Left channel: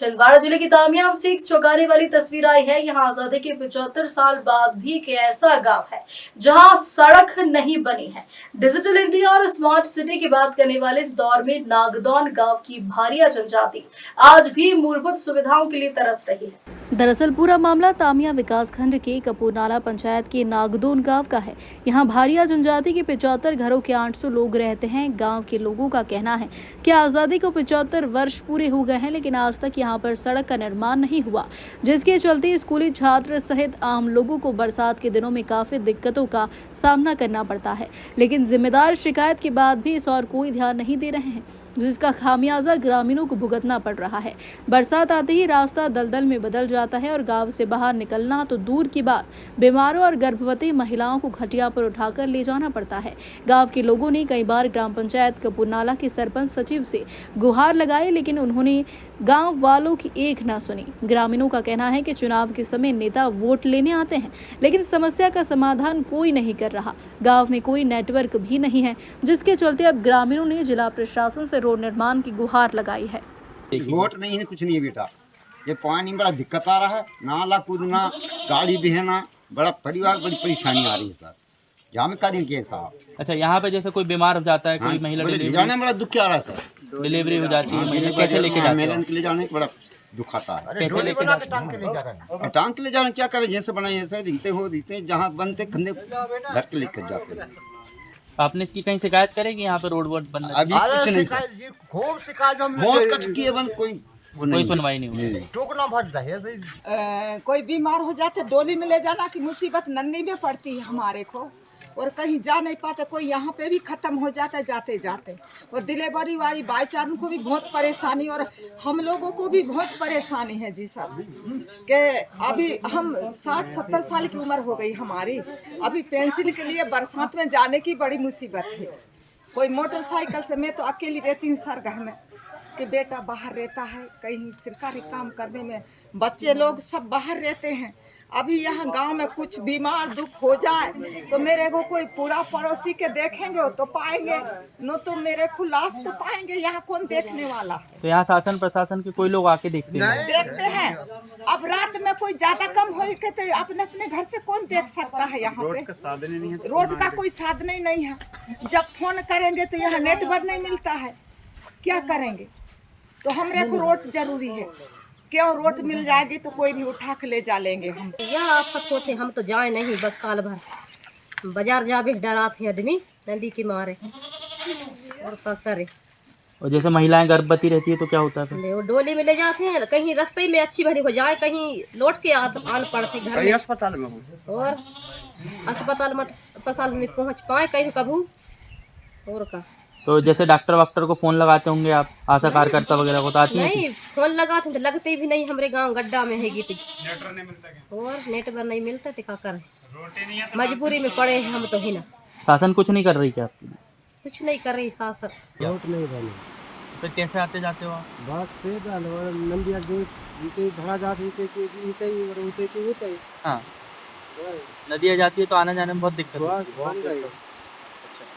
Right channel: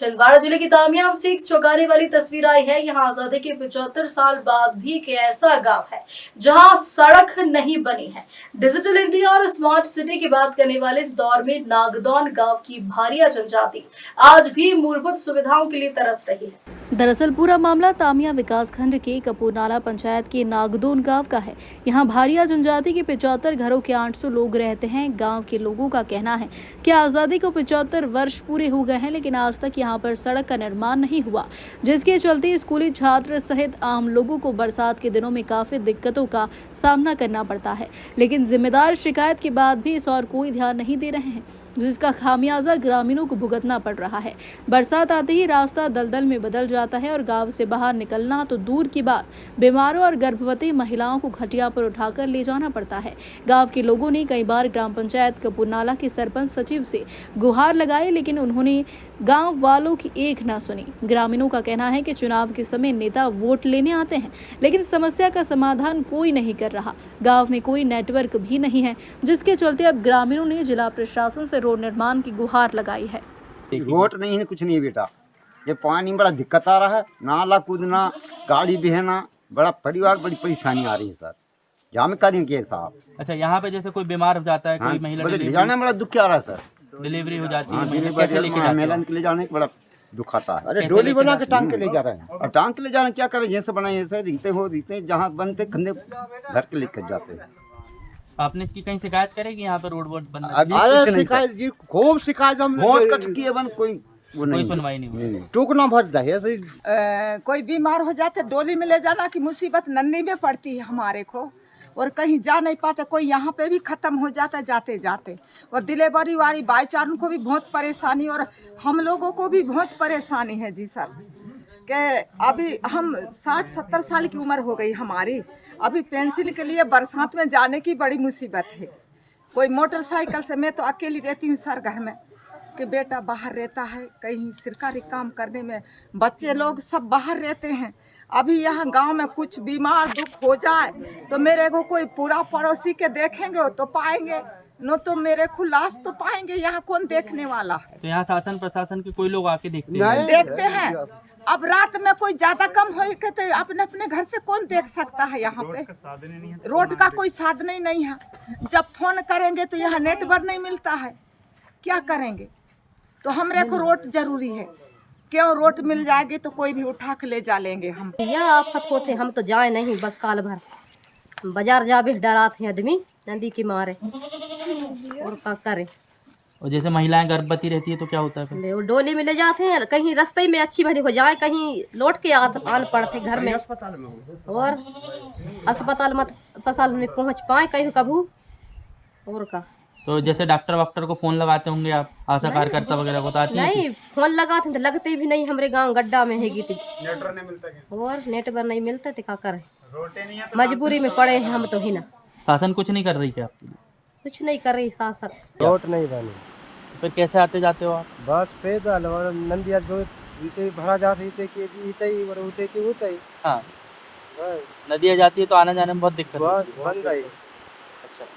छिंदवाड़ा जिले की तामियाब से एक चौंकाने वाली तस्वीर आई है। यहाँ आजादी के 75 साल बाद भी एक ऐसा गांव है जहां सड़क नहीं बनी है। डिजिटल इंडिया और स्मार्ट सिटी की बात करने वाले इस दौर में नागदौन गांव की भारिया जनजाति आज भी मूलभूत सुविधाओं के लिए तरस रही है। दरअसल पूरा मामला तामिया विकासखंड के कपूरनाला पंचायत के नागदौन गांव का है। यहाँ भारिया जनजाति के 75 घरों के 800 लोग रहते हैं। गांव के लोगों का कहना है कि आजादी को 75 वर्ष पूरे हो गए हैं, लेकिन आज तक यहाँ पर सड़क का निर्माण नहीं हुआ, जिसके चलते स्कूली छात्र सहित आम लोगों को बरसात के दिनों में काफी दिक्कतों का सामना करना पड़ता है। लेकिन जिम्मेदार शिकायत के बाद भी इस और कोई ध्यान नहीं दे रहे हैं, जिसका खामियाजा ग्रामीणों को भुगतना पड़ रहा है। बरसात आते ही रास्ता दलदल में बदल जाता है और गांव से बाहर निकलना तो दूर की बात, बीमारों और गर्भवती महिलाओं को खटिया पर उठाकर ले जाना पड़ता है। गांव के लोगों ने कई बार ग्राम पंचायत कपूरनाला के सरपंच सचिव से गुहार लगाई, लेकिन उन्होंने गांव वालों की एक ना सुनी। ग्रामीणों का कहना है कि चुनाव के समय नेता वोट लेने आते हैं, लेकिन समस्या का समाधान कोई नहीं कर रहा। गांव में कोई नेटवर्क भी नहीं है, जिसके चलते अब ग्रामीणों ने जिला प्रशासन से रोड निर्माण की गुहार लगाई है। रोड नहीं है, कुछ नहीं है बेटा। ये पानी बड़ा दिक्कत आ रहा है, नाला कूदना, गाड़ी बहना, बड़ा परिवार बड़ी परेशानी आ रही है सर। यहाँ में करेंगे साहब। अच्छा, यहाँ पे जैसे कोई बीमार हो जाता है, कोई महिला ले जाने में बड़ा दुख आ रहा है सर। डिलीवरी हो जाती है, महिला कैसे लेके जाते मेलन के ले जाने का बड़ा दुख आता है। हैं? कैसे लेके जाते हैं? टांग के ले जा रहे हैं। टांग के ले जा रहे हैं, क्या करें, जैसे बनाए ऐसे रीते जहाँ बनते खंडे घर के लेकर जाते हैं। आपने इसकी कहीं शिकायत करेगी यहाँ पे रोड वोड बन अभी कुछ नहीं सर, खूब शिकायत बहुत कच किए बन, कोई वो कोई नहीं सुनवाई नहीं हुई। टूकना भर जाए। कोई बीमार हो जाते डोली में ले जाना की मुसीबत नंदी में पड़ती है हमारे को, और कहीं जा नहीं पाते। कोई यहाँ पे भी ख़त्म हो जाता है जाते जाते, और डिलीवरी वाली बाईचारों को भी बहुत परेशानी, और हम लोगों को भी बहुत परेशानी है जी सर। कि अभी हम 60-70 साल की उम्र हो गई हमारी, अभी पेंसिल के लिए बरसात में जाने की बड़ी मुसीबत है। कोई मोटरसाइकिल से, मैं तो अकेली रहती हूँ सर घर में, कि बेटा बाहर रहता है कहीं सरकारी काम करने में, बच्चे लोग सब बाहर रहते हैं। अभी यहाँ गांव में कुछ बीमार दुख हो जाए तो मेरे को कोई पूरा पड़ोसी के देखेंगे तो पाएंगे, न तो मेरे को लाश तो पाएंगे। यहाँ कौन देखने वाला है? तो यहाँ शासन प्रशासन के कोई लोग आके देखते हैं। अब रात में कोई ज्यादा कम हो के तो अपने अपने घर से कौन देख सकता है? यहाँ पे रोड का कोई साधन ही नहीं है। जब फोन करेंगे तो यहाँ नेटवर्क नहीं मिलता है, क्या करेंगे? तो हमरे को रोड जरूरी है। क्यों रोड मिल जाएगी तो कोई भी उठा के ले जा लेंगे हम। यह आफत होते, हम तो जाए नहीं, बस काल भर बाजार जा भी डराते हैं आदमी नदी के मारे, और क्या करे। और जैसे महिलाएं गर्भवती रहती है तो क्या होता है? वो डोली में ले जाते हैं, कहीं रास्ते में अच्छी भरी हो जाए, कहीं लौट के आन पड़ते घर में, और अस्पताल में पहुंच पाए कहीं कभू, और का। तो जैसे डॉक्टर वॉक्टर को फोन लगाते होंगे आप, आशा कार्यकर्ता वगैरह को? नहीं, फोन लगाते हैं तो लगते भी नहीं। हमारे गांव गड्ढा में है गीत, और नेटवर्क नहीं मिलता तो क्या करें, मजबूरी में पड़े हैं हम तो ही ना। शासन कुछ नहीं कर रही क्या आपके लिए? कुछ नहीं कर रही शासन। रोड नहीं बनी, फिर कैसे आते जाते हो आप? बस पैदल, और नंदिया दो भरा जाते हाँ, नदियाँ जाती है तो आने जाने में बहुत दिक्कत है। बंद है।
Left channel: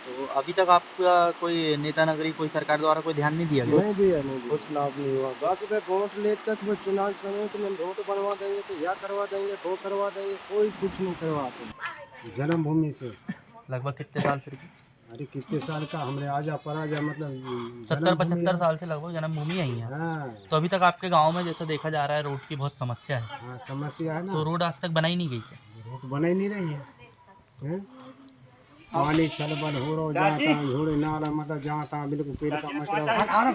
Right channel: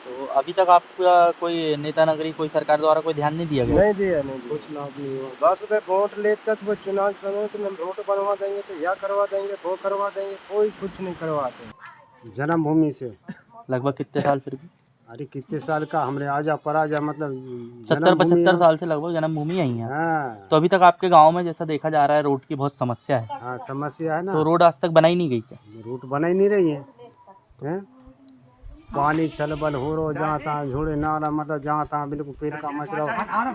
तो अभी तक आपका कोई नेता नगरी, कोई सरकार द्वारा कोई ध्यान नहीं दिया गया? नहीं दिया, कुछ लाभ नहीं हुआ। बस वे वोट ले तक वो चुनाव समय तो हम रोड बनवा देंगे, तो यह करवा देंगे, वो करवा देंगे, कोई कुछ नहीं करवाते। जन्मभूमि से लगभग कितने साल फिर भी? अरे कितने साल का हमरे आजा पराजा, मतलब 70-75 साल से लगभग जन्मभूमि यही है। हाँ। तो अभी तक आपके गांव में जैसा देखा जा रहा है रोड की बहुत समस्या है। हाँ, समस्या है ना। तो रोड आज तक बनाई नहीं गई क्या? रोड बना ही नहीं रही है, हैं? पानी छलबल हो रहा जहाँ तहाँ, झोड़े नाला, मतलब जहाँ तहाँ बिल्कुल पेड़ का मचरा,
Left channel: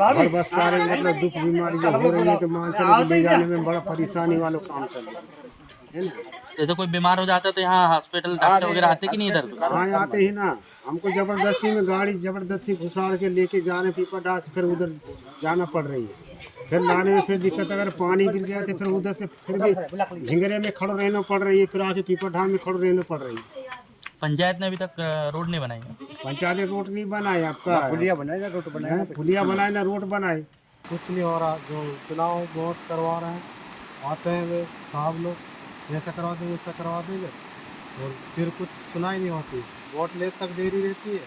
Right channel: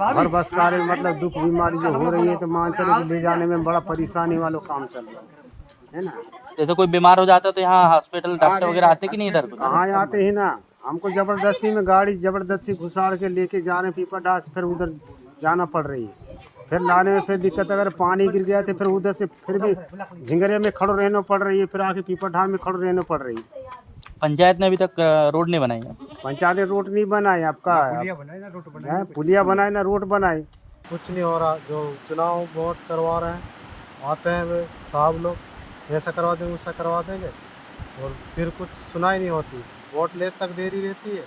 हर बस कार्य मतलब दुख बीमारी जो हो रही है, तो मान चलो कि ले जाने में बड़ा परेशानी वालों काम चल रहा है ना। जैसे कोई बीमार हो जाता है तो यहाँ हॉस्पिटल डॉक्टर वगैरह आते कि नहीं इधर? कहाँ आते ही ना, हमको जबरदस्ती में गाड़ी जबरदस्ती घुसाड़ के लेके जा रहे, पीपा डाल से फिर उधर जाना पड़ रही है। फिर लाने में फिर दिक्कत, अगर पानी गिर गया तो फिर उधर से फिर भी झिंगरे में खड़ो रहना पड़ रही है, फिर आके पीपा ढाल में खड़ो रहना पड़ रही है। पंचायत ने अभी तक रोड नहीं बनाई है? पंचायत ने रोड नहीं बनाए, आपका पुलिया बनाए ना रोड बनाए। कुछ नहीं हो रहा। जो चुनाव वोट करवा रहे हैं, आते हैं वे साहब लोग, ऐसा करवा देंगे, ऐसा करवा देंगे, और फिर कुछ सुनाई नहीं होती। वोट ले तक देरी रहती है,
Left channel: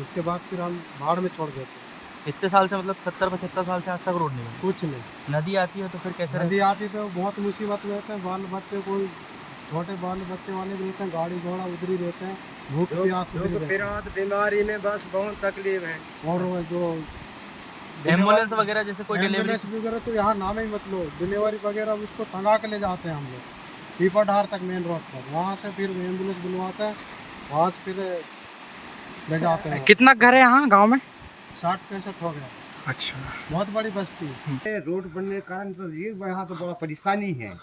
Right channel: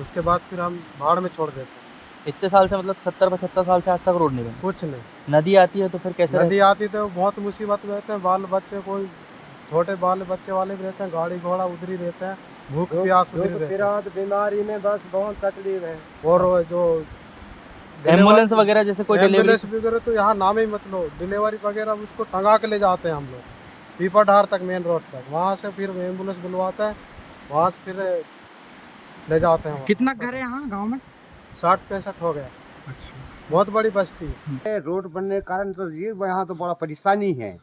उसके बाद फिर हम भाड़ में छोड़ देते हैं। इतने साल से मतलब 70-75 साल से आज तक रोड नहीं बनी। कुछ नहीं। नदी आती है तो फिर कैसे नदी आती तो बहुत मुसीबत में रहते हैं, बाल बच्चे कोई छोटे बाल बच्चे वाले भी रहते हैं, गाड़ी घोड़ा उधर ही रहते हैं, भूख प्यास उधर ही रहते हैं। बीमारी में बस बहुत तकलीफ है। और जो एम्बुलेंस वगैरह जैसे कोई डिलीवरी एम्बुलेंस वगैरह तो यहाँ नाम ही मत लो, डिलीवरी वगैरह उसको टंगा के ले जाते हैं हम लोग पीपर ढार तक मेन रोड पर, वहाँ से फिर एम्बुलेंस बुलवाते हैं, वहाँ से फिर ले जाते हैं। कितना घर है यहाँ गांव में? 60-65 हो गया। अच्छा, बहुत बड़ी बस्ती है। ये रोड बनने के कारण तो ये यहाँ तो बड़ा परेशानी है।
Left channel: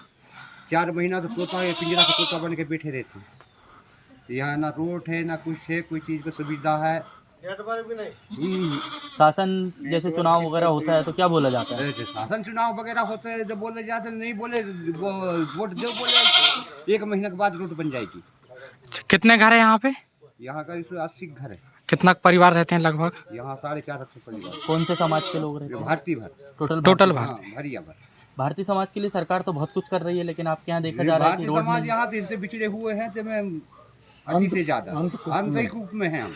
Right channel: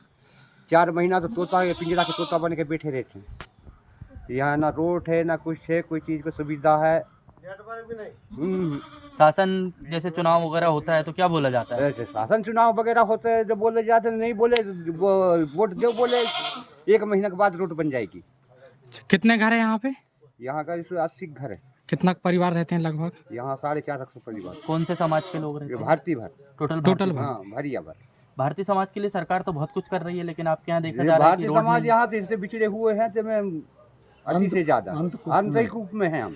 4 महीना तो तोता पिंजरा के तोता बन के बैठे रहते हैं। यहाँ ना रोड है ना कुछ है, कोई चीज़ की सुविधा है। शासन जैसे चुनाव वगैरह होता है तो क्या बोला जाता है? ऐसे शासन चुनाव वगैरह होते हैं, जब बोले जाते हैं, नहीं बोले वोट दो, बोले 1 महीने के बाद रोड बन जाएगी। कितने घर है यहाँ पे? यहाँ का 80 घर है। कितना परिवार रहते हैं लगभग? यहाँ 450 परिवार। कौन से समाज के लोग रहते ये हैं? भारतीय भर, टोटल हाँ भरिया भर। भारतीय समाज के लिए सरकार तो बहुत कुछ कर रही है, लेकिन आपके यहाँ देखा ये जा रहा है कि भारतीय रोड समाज नहीं। यहाँ से इससे बिछड़े हुए हैं, तो मैं अति से ज्यादा आंतरिक रूप में है हम।